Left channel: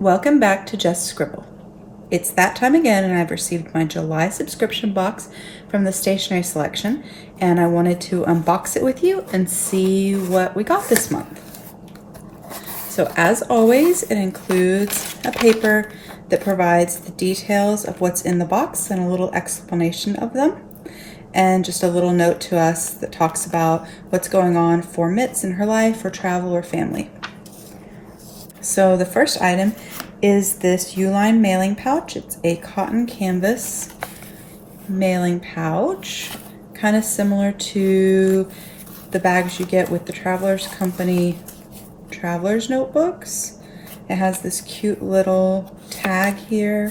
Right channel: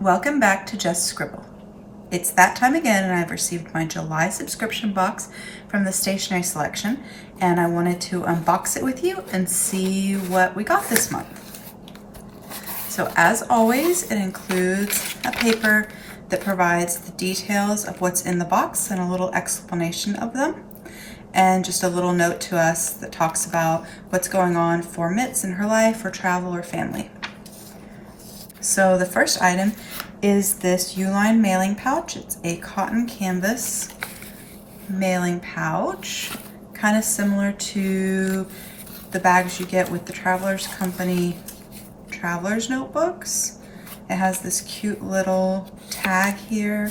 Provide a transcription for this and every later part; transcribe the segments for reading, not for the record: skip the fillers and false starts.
Welcome back to Just Scribble. It's that time again, and I've received my July subscription box from the Stationery Selection, and I wanted to unbox it with you and see what we got this month. So as always, it includes a paper that provides the details of what's in the box and a little explanation of them, and just a little note to us that talks about what's going on for Mitz in her life or travel or family. So the first item is this Uline mailing pouch. It's a cotton canvas mailing pouch, kind of similar to the bags you get with the Travelers Company Travelers notebooks. It has this cute little tag here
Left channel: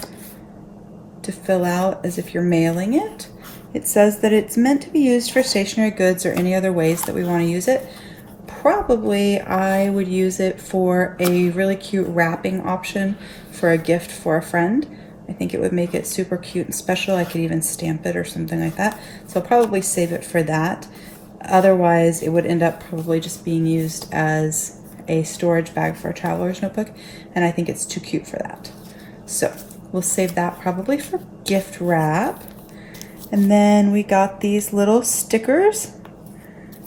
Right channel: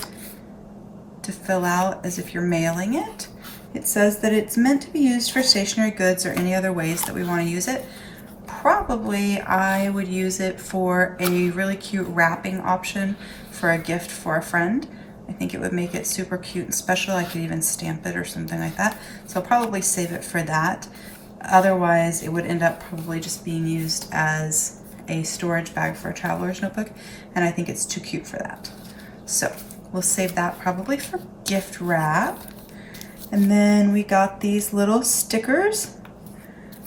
to fill out as if you're mailing it. It says that it's meant to be used for stationery goods or any other ways that we want to use it. Probably I would use it for a really cute wrapping option for a gift for a friend. I think it would make it super cute and special. I could even stamp it or something like that. So I'll probably save it for that. Otherwise, it would end up probably just being used as a storage bag for a traveler's notebook, and I think it's too cute for that. So we'll save that probably for gift wrap. And then we got these little stickers,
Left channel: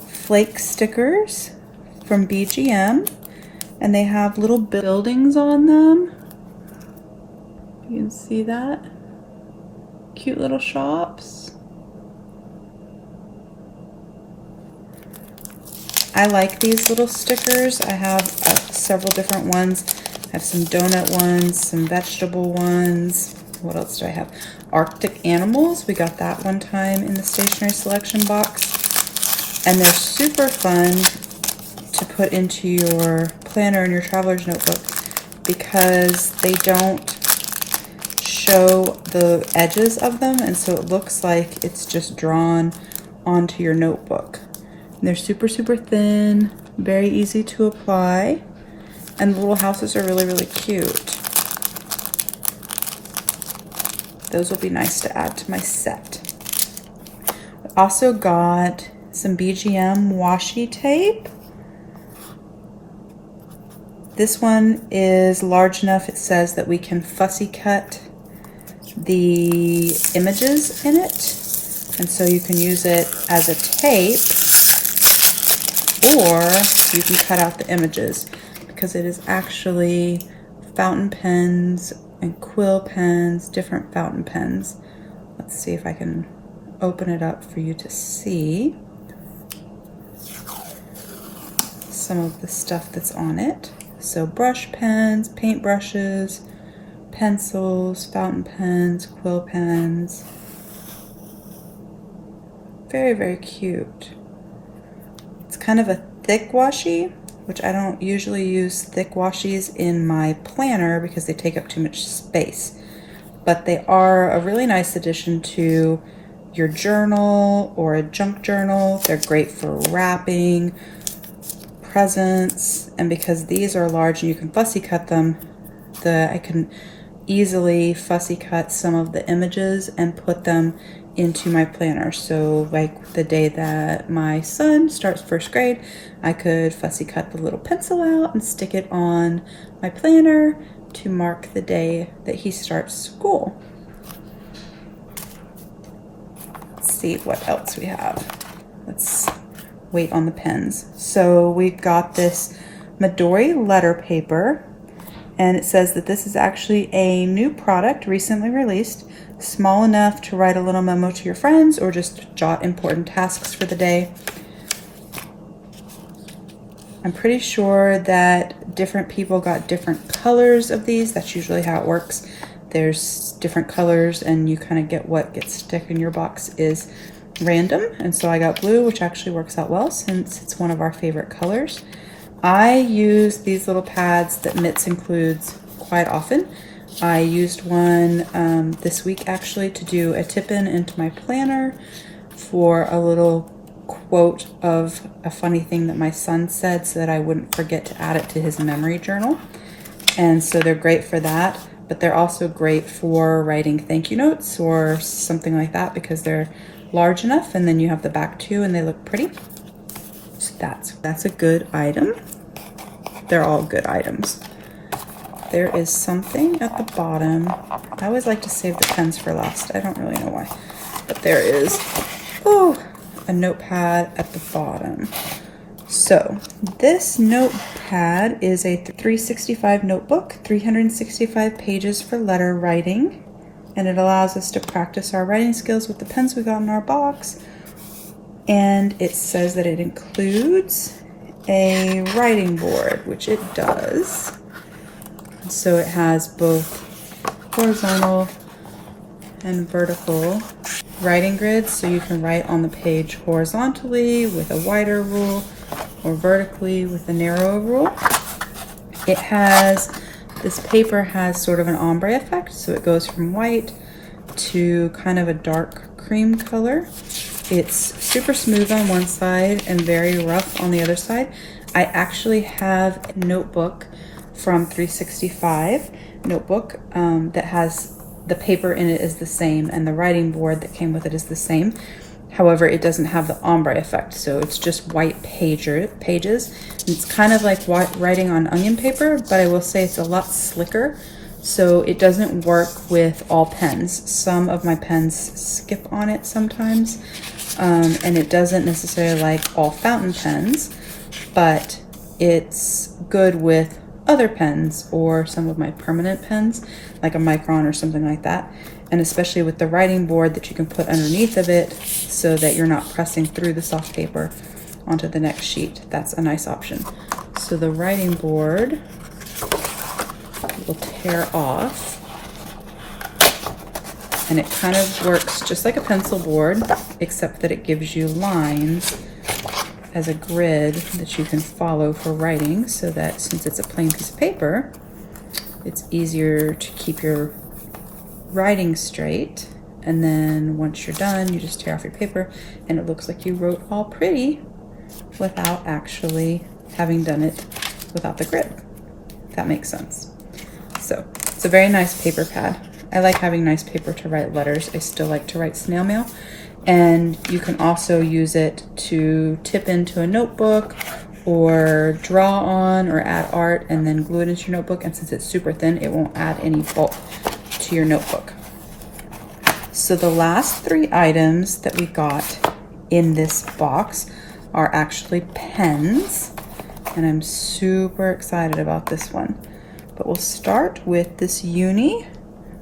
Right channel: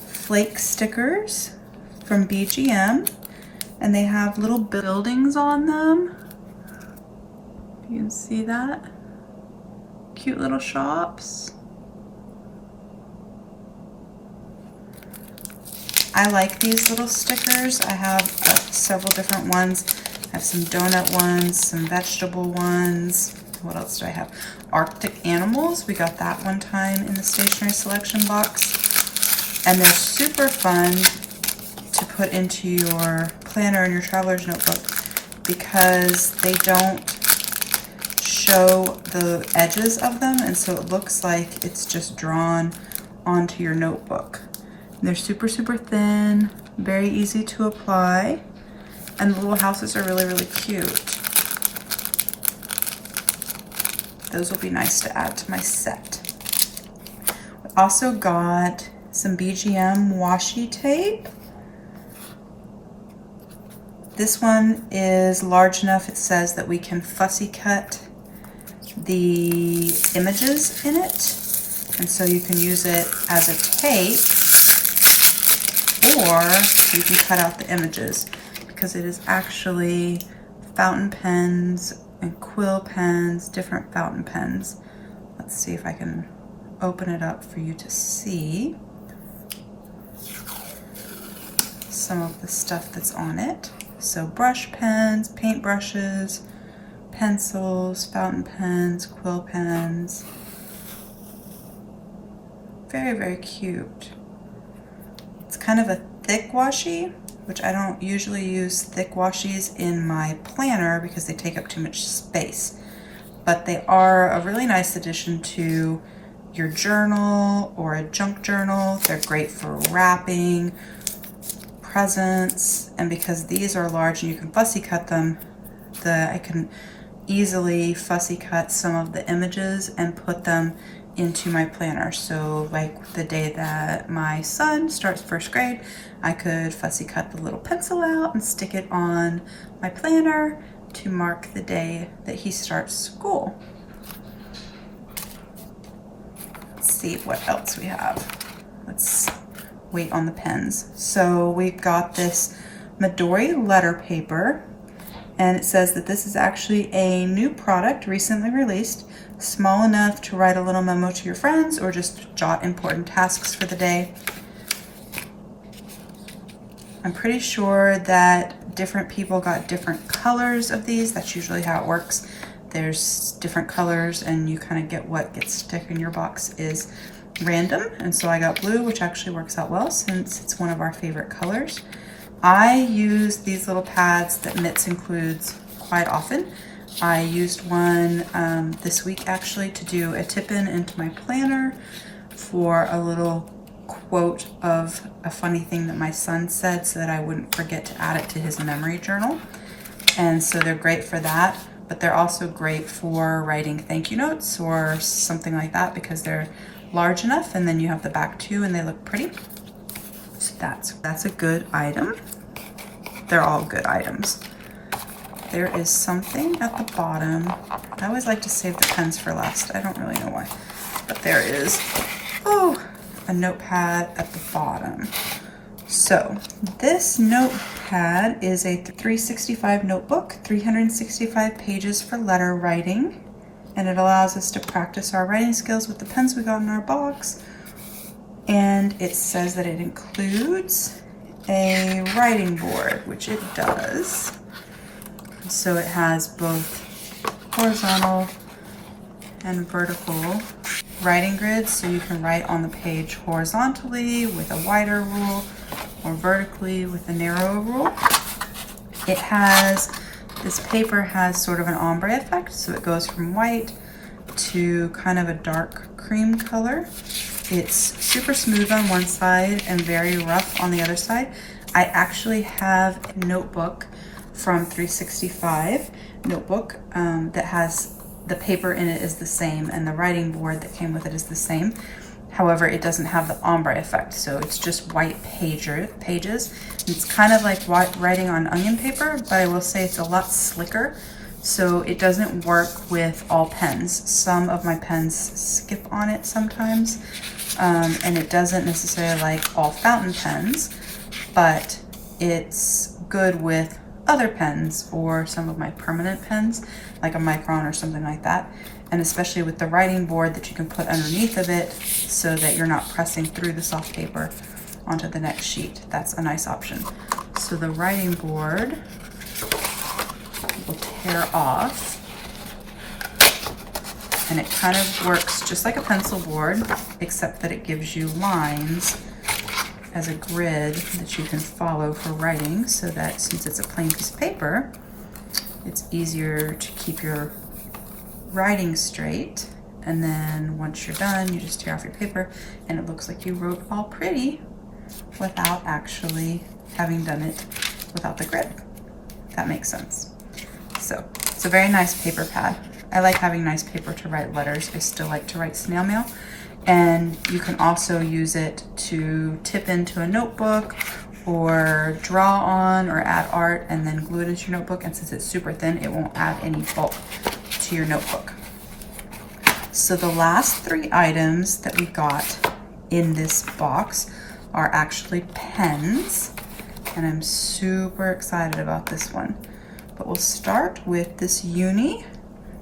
flake stickers from BGM, and they have little buildings on them. You can see that. Cute little shops. I like these little stickers. I have several different ones. I have some donut ones, some vegetable ones. What else do I have? Arctic animals. We got that one time in the Stationery Selection box. And they're super fun to put into your planner and your traveler's notebook because they don't show the edges of them, and so it looks like it's just drawn onto your notebook. And they're super thin, very easy to apply, and the little houses are really cute. Those will be nice to add to my set. We also got some BGM washi tape. This one is large enough, it says, that we can fussy cut the images in it. And so you can use it as a tape, or you can cut out the images, because it is actually fountain pens and quill pens, different fountain pens. Let's see if I can open it up for you to see some of the stuff that's on it. So brush pens, paint brushes, pencils, fountain pens, quill pens. Very cute. It's kind of a thick washi, which I don't usually use thick washies in my planner because they take up too much space. But they are a really nice addition to your journal or a junk journal. They're great for wrapping, presents, and because these are large and you can fussy cut them, I can easily fussy cut some of the images and put them into my planner. So like the day that my son starts first grade, I could fussy cut the little pencil out and stick it on my planner to mark the day that he starts school. Let's see what else we have. Let's wait on the pens. So we got this Midori letter paper, and it says that this is actually a new product recently released, small enough to write a little memo to your friends or just jot important tasks for the day. I'm pretty sure that different people got different colors of these. That's usually how it works. There's different colors and you kind of get what gets stuck in your box is random. And so I got blue, which actually works out well since it's one of our favorite colors. I use these little pads that Mitz includes quite often. I used one this week actually to do a tip-in into my planner for a little quote of a funny thing that my son said so that I wouldn't forget to add it to his memory journal. And so they're great for that, but they're also great for writing thank you notes or something like that because they're large enough, and then you have the back too and they look pretty. So that's a good item. They're all good items. there is something at the bottom. I always like to save the pens for last. I don't really know why, but there is, oh, a notepad at the bottom. So this notepad is a 365 notebook, 365 pages for letter writing, and it allows us to practice our writing skills with the pens we got in our box. And it says that it includes a writing board, which it does. So it has both horizontal and vertical writing grids, so you can write on the page horizontally with a wider rule or vertically with a narrower rule. It has, this paper has sort of an ombre effect, so it goes from white to kind of a dark cream color. It's super smooth on one side and very rough on the other side. I actually have a notebook from 365 notebook that has the paper in it is the same and the writing board that came with it is the same. However, it doesn't have the ombre effect, so it's just white pages. It's kind of like writing on onion paper, but I will say it's a lot slicker, so it doesn't work with all pens. Some of my pens skip on it sometimes, and it doesn't necessarily like all fountain pens, but it's good with other pens or some of my permanent pens, like a Micron or something like that. And especially with the writing board that you can put underneath of it so that you're not pressing through the soft paper onto the next sheet. That's a nice option. So the writing board will tear off, and it kind of works just like a pencil board, except that it gives you lines as a grid that you can follow for writing, so that since it's a plain piece of paper, it's easier to keep your writing straight. And then once you're done, you just tear off your paper and it looks like you wrote all pretty without actually having done it without the grid, if that makes sense. So it's a very nice paper pad. I like having nice paper to write letters. I still like to write snail mail. And you can also use it to tip into a notebook or draw on or add art and then glue it into your notebook. And since it's super thin, it won't add any bulk to your notebook. So the last 3 items that we got in this box are actually pens, and I'm super excited about this one. But we'll start with this uni.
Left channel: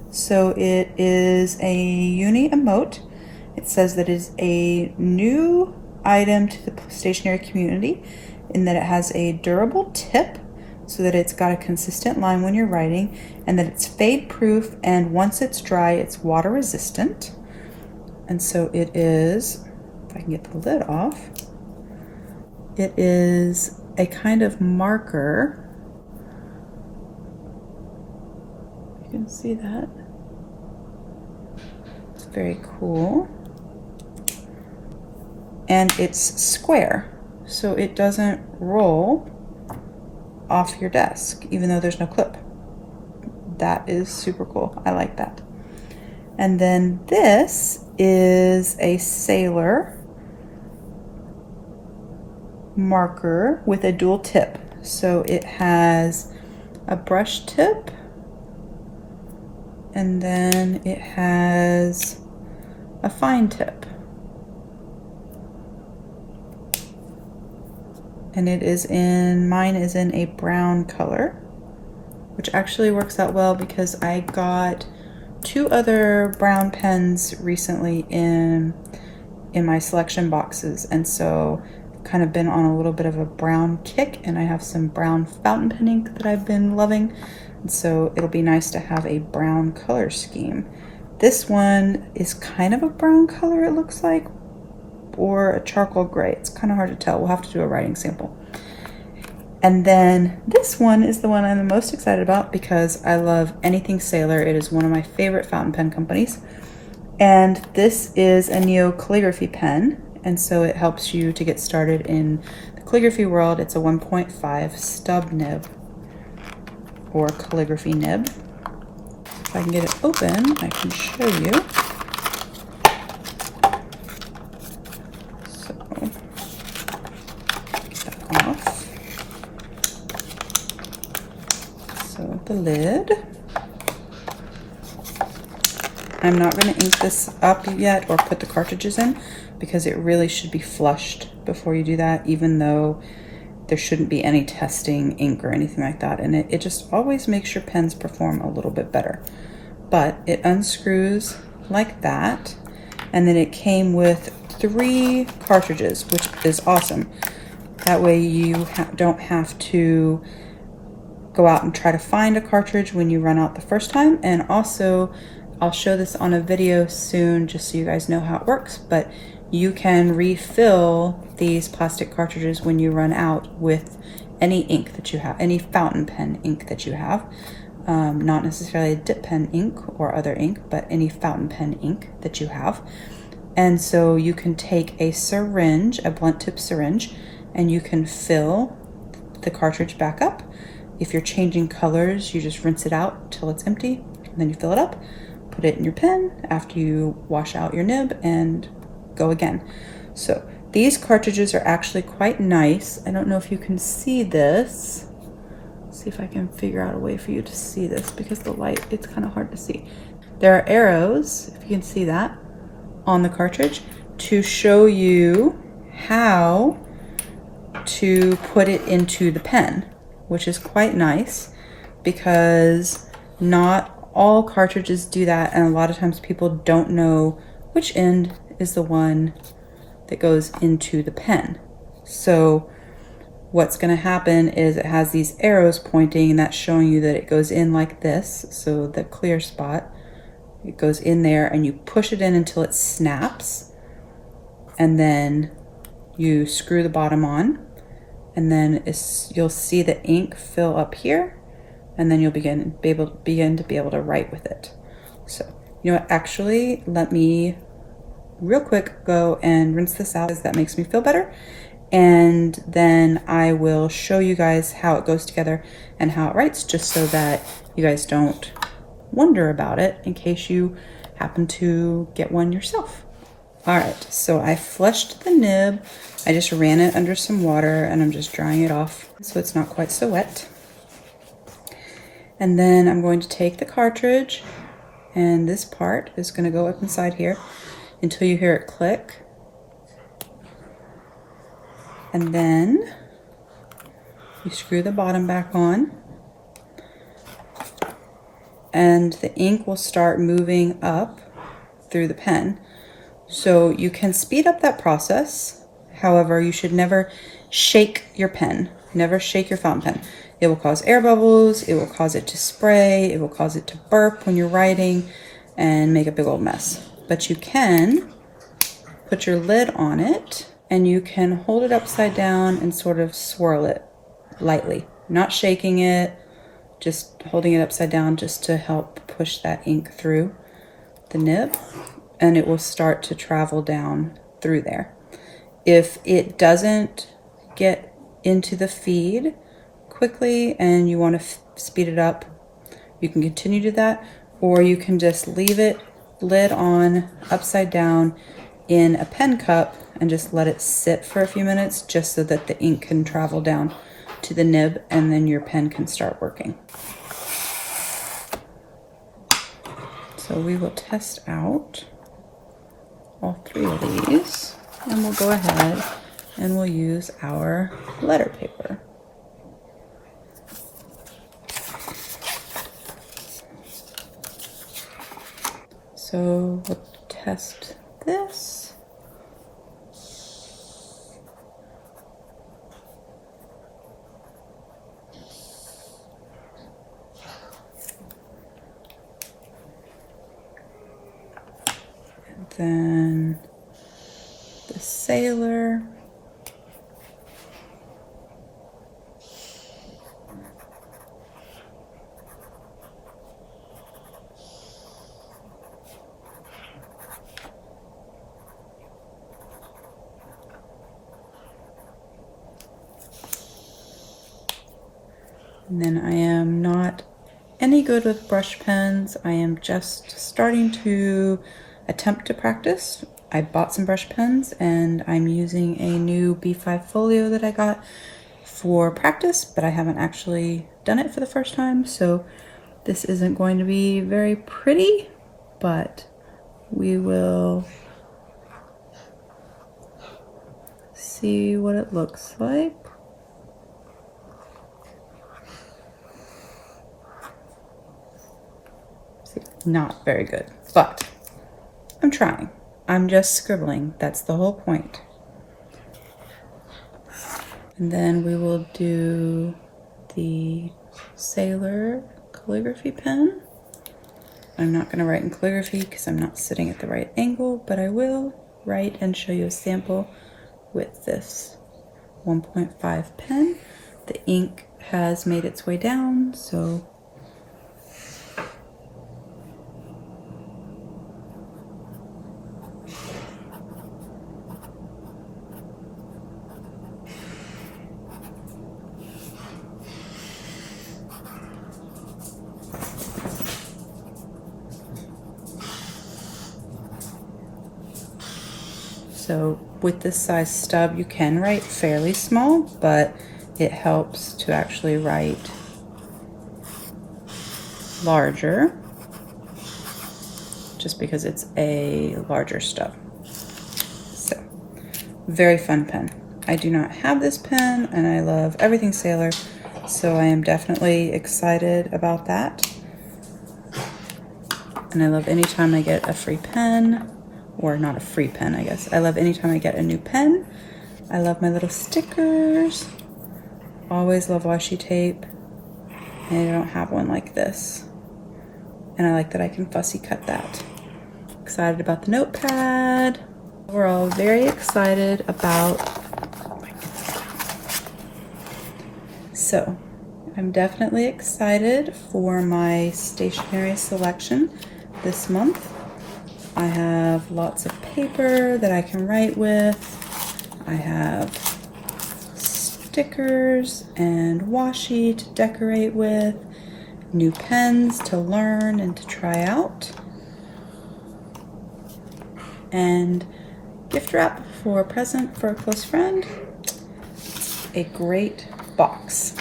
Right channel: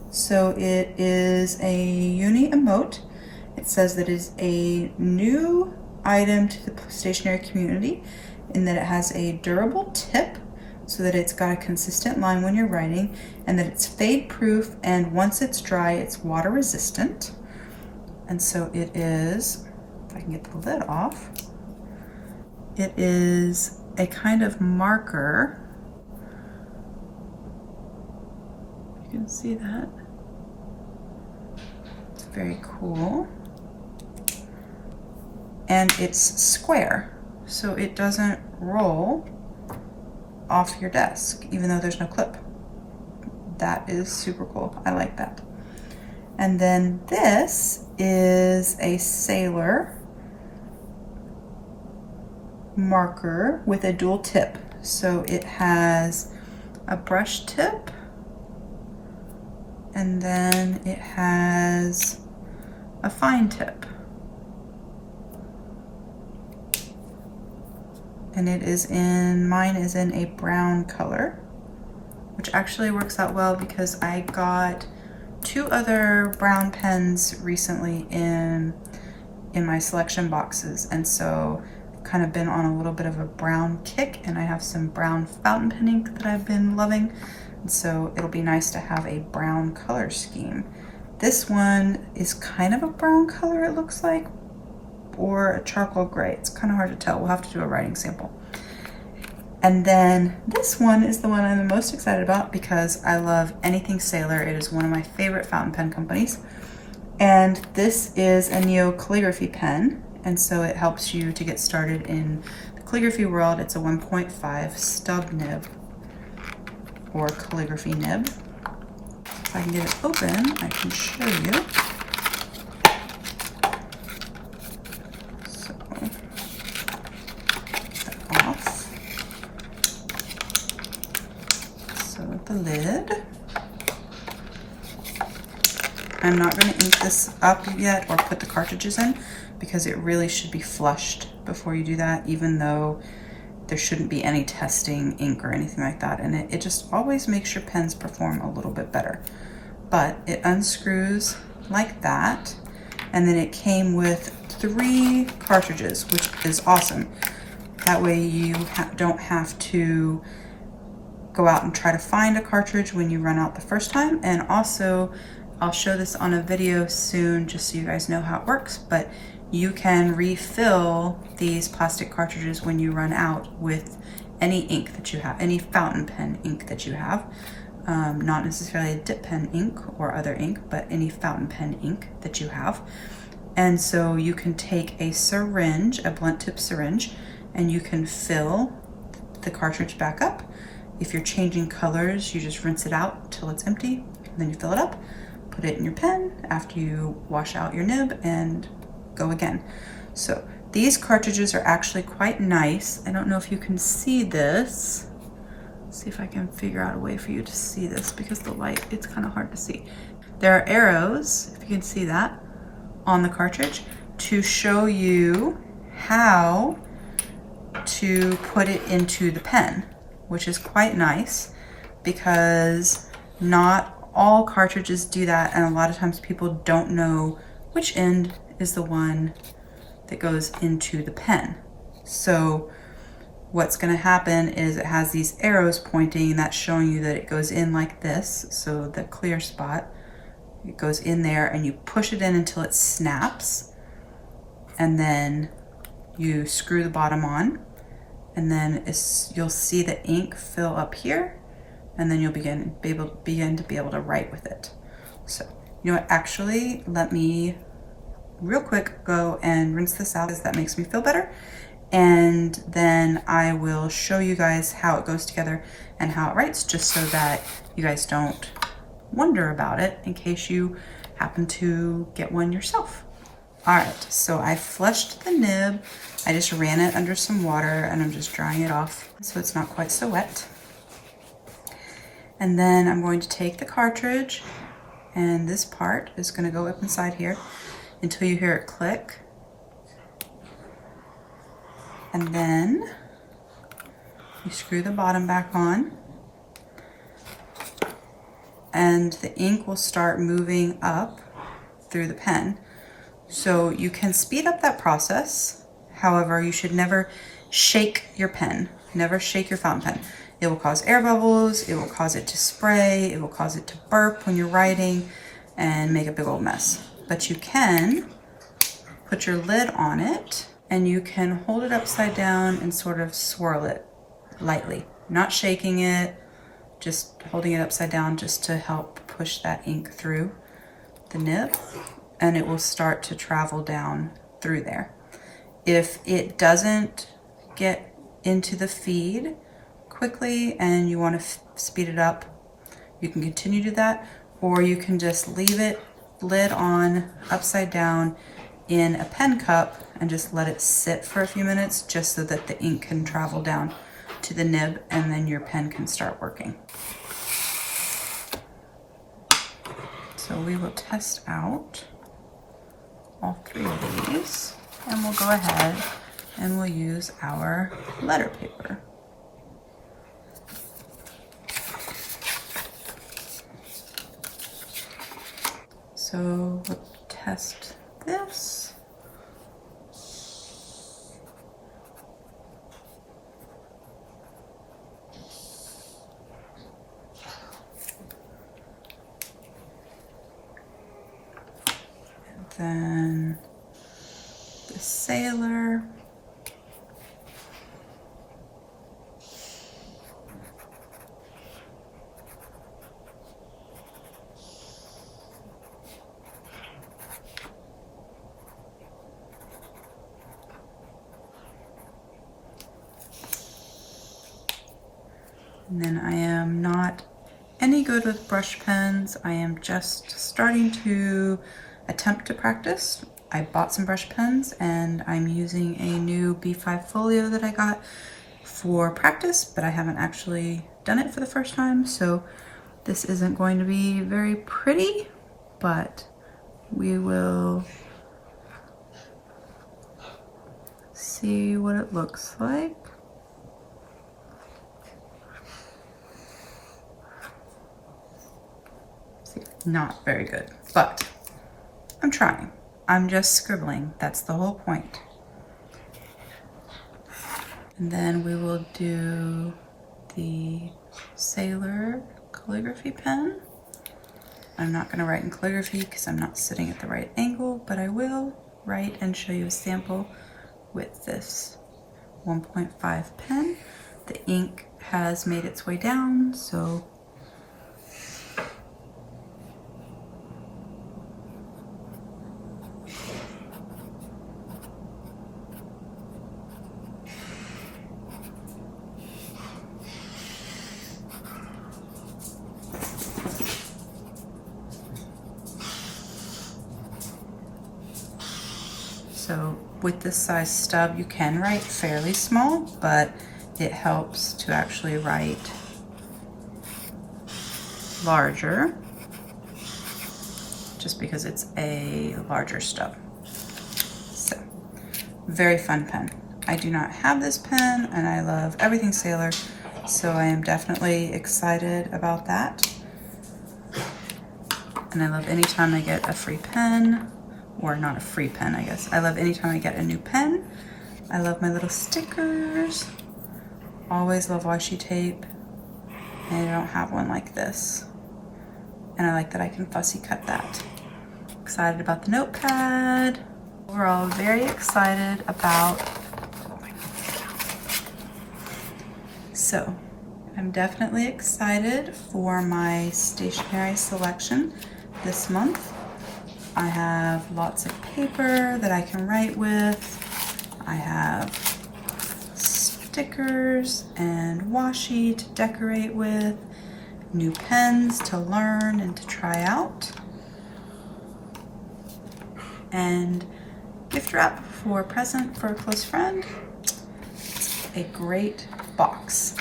So it is a uni emote. It says that it's a new item to the stationery community in that it has a durable tip so that it's got a consistent line when you're writing, and that it's fade proof, and once it's dry, it's water resistant. And so it is, if I can get the lid off, it is a kind of marker. You can see that. It's very cool. And it's square, so it doesn't roll off your desk, even though there's no clip. That is super cool. I like that. And then this is a sailor marker with a dual tip. So it has a brush tip, and then it has a fine tip. And it is in, mine is in a brown color, which actually works out well because I got 2 other brown pens recently in my selection boxes, and so I've kind of been on a little bit of a brown kick, and I have some brown fountain pen ink that I've been loving, and so it'll be nice to have a brown color scheme. This one is kind of a brown color, it looks like, or a charcoal gray. It's kind of hard to tell. We'll have to do a writing sample. And then this one is the one I'm the most excited about because I love anything Sailor. It is one of my favorite fountain pen companies. And this is a Neo calligraphy pen, and so it helps you to get started in the calligraphy world. It's a 1.5 stub nib or calligraphy nib. If I can get it open, I can show you. So out the lid. I'm not going to ink this up yet or put the cartridges in because it really should be flushed before you do that, even though there shouldn't be any testing ink or anything like that. And it just always makes your pens perform a little bit better. But it unscrews like that. And then it came with 3 cartridges, which is awesome. That way you don't have to go out and try to find a cartridge when you run out the first time. And also, I'll show this on a video soon just so you guys know how it works, but you can refill these plastic cartridges when you run out with any ink that you have, any fountain pen ink that you have. Not necessarily a dip pen ink or other ink, but any fountain pen ink that you have. And so you can take a syringe, a blunt tip syringe, and you can fill the cartridge back up. If you're changing colors, you just rinse it out till it's empty, and then you fill it up, put it in your pen after you wash out your nib, and go again. So these cartridges are actually quite nice. I don't know if you can see this. Let's see if I can figure out a way for you to see this because the light, it's kind of hard to see. There are arrows, if you can see that, on the cartridge to show you how to put it into the pen, which is quite nice because not all cartridges do that, and a lot of times people don't know which end is the one that goes into the pen. So what's going to happen is it has these arrows pointing, and that's showing you that it goes in like this. So the clear spot, it goes in there, and you push it in until it snaps, and then you screw the bottom on, and then you'll see the ink fill up here, and then you'll begin to be able to write with it. So, you know what, actually, let me real quick go and rinse this out, as that makes me feel better, and then I will show you guys how it goes together and how it writes, just so that you guys don't wonder about it in case you happen to get one yourself. All right, so I flushed the nib. I just ran it under some water and I'm just drying it off so it's not quite so wet. And then I'm going to take the cartridge, and this part is going to go up inside here until you hear it click. And then you screw the bottom back on, and the ink will start moving up through the pen. So you can speed up that process. However, you should never shake your pen. Never shake your fountain pen. It will cause air bubbles, it will cause it to spray, it will cause it to burp when you're writing and make a big old mess. But you can put your lid on it, and you can hold it upside down and sort of swirl it lightly. Not shaking it, just holding it upside down just to help push that ink through the nib, and it will start to travel down through there. If it doesn't get into the feed quickly and you want to speed it up, you can continue to do that, or you can just leave it lid on upside down in a pen cup and just let it sit for a few minutes, just so that the ink can travel down to the nib, and then your pen can start working. So we will test out all 3 of these, and we'll go ahead and we'll use our letter paper. So we'll test this. And then the sailor. And then I am not any good with brush pens. I am just starting to attempt to practice. I bought some brush pens, and I'm using a new B5 folio that I got for practice, but I haven't actually done it for the first time, so this isn't going to be very pretty, but we will see what it looks like. See, not very good, but I'm trying. I'm just scribbling. That's the whole point. And then we will do the sailor calligraphy pen. I'm not going to write in calligraphy because I'm not sitting at the right angle, but I will write and show you a sample with this 1.5 pen. The ink has made its way down, so with this size stub, you can write fairly small, but it helps to actually write larger just because it's a larger stub. So, very fun pen. I do not have this pen, and I love everything Sailor, so I am definitely excited about that. And I love anytime I get a free pen. Or not a free pen, I guess. I love anytime I get a new pen. I love my little stickers. Always love washi tape. And I don't have one like this. And I like that I can fussy cut that. Excited about the notepad. We're all very excited about... So, I'm definitely excited for my stationery selection this month. I have lots of paper that I can write with. I have stickers and washi to decorate with, new pens to learn and to try out, and gift wrap for a present for a close friend. A great box.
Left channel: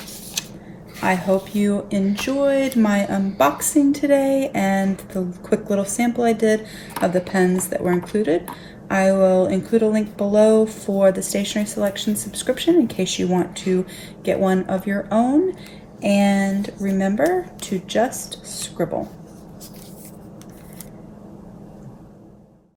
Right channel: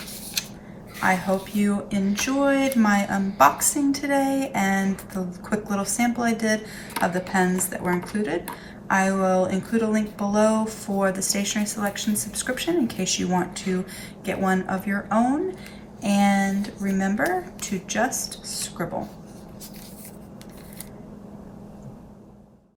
I hope you enjoyed my unboxing today and the quick little sample I did of the pens that were included. I will include a link below for the Stationery Selection subscription in case you want to get one of your own. And remember to just scribble.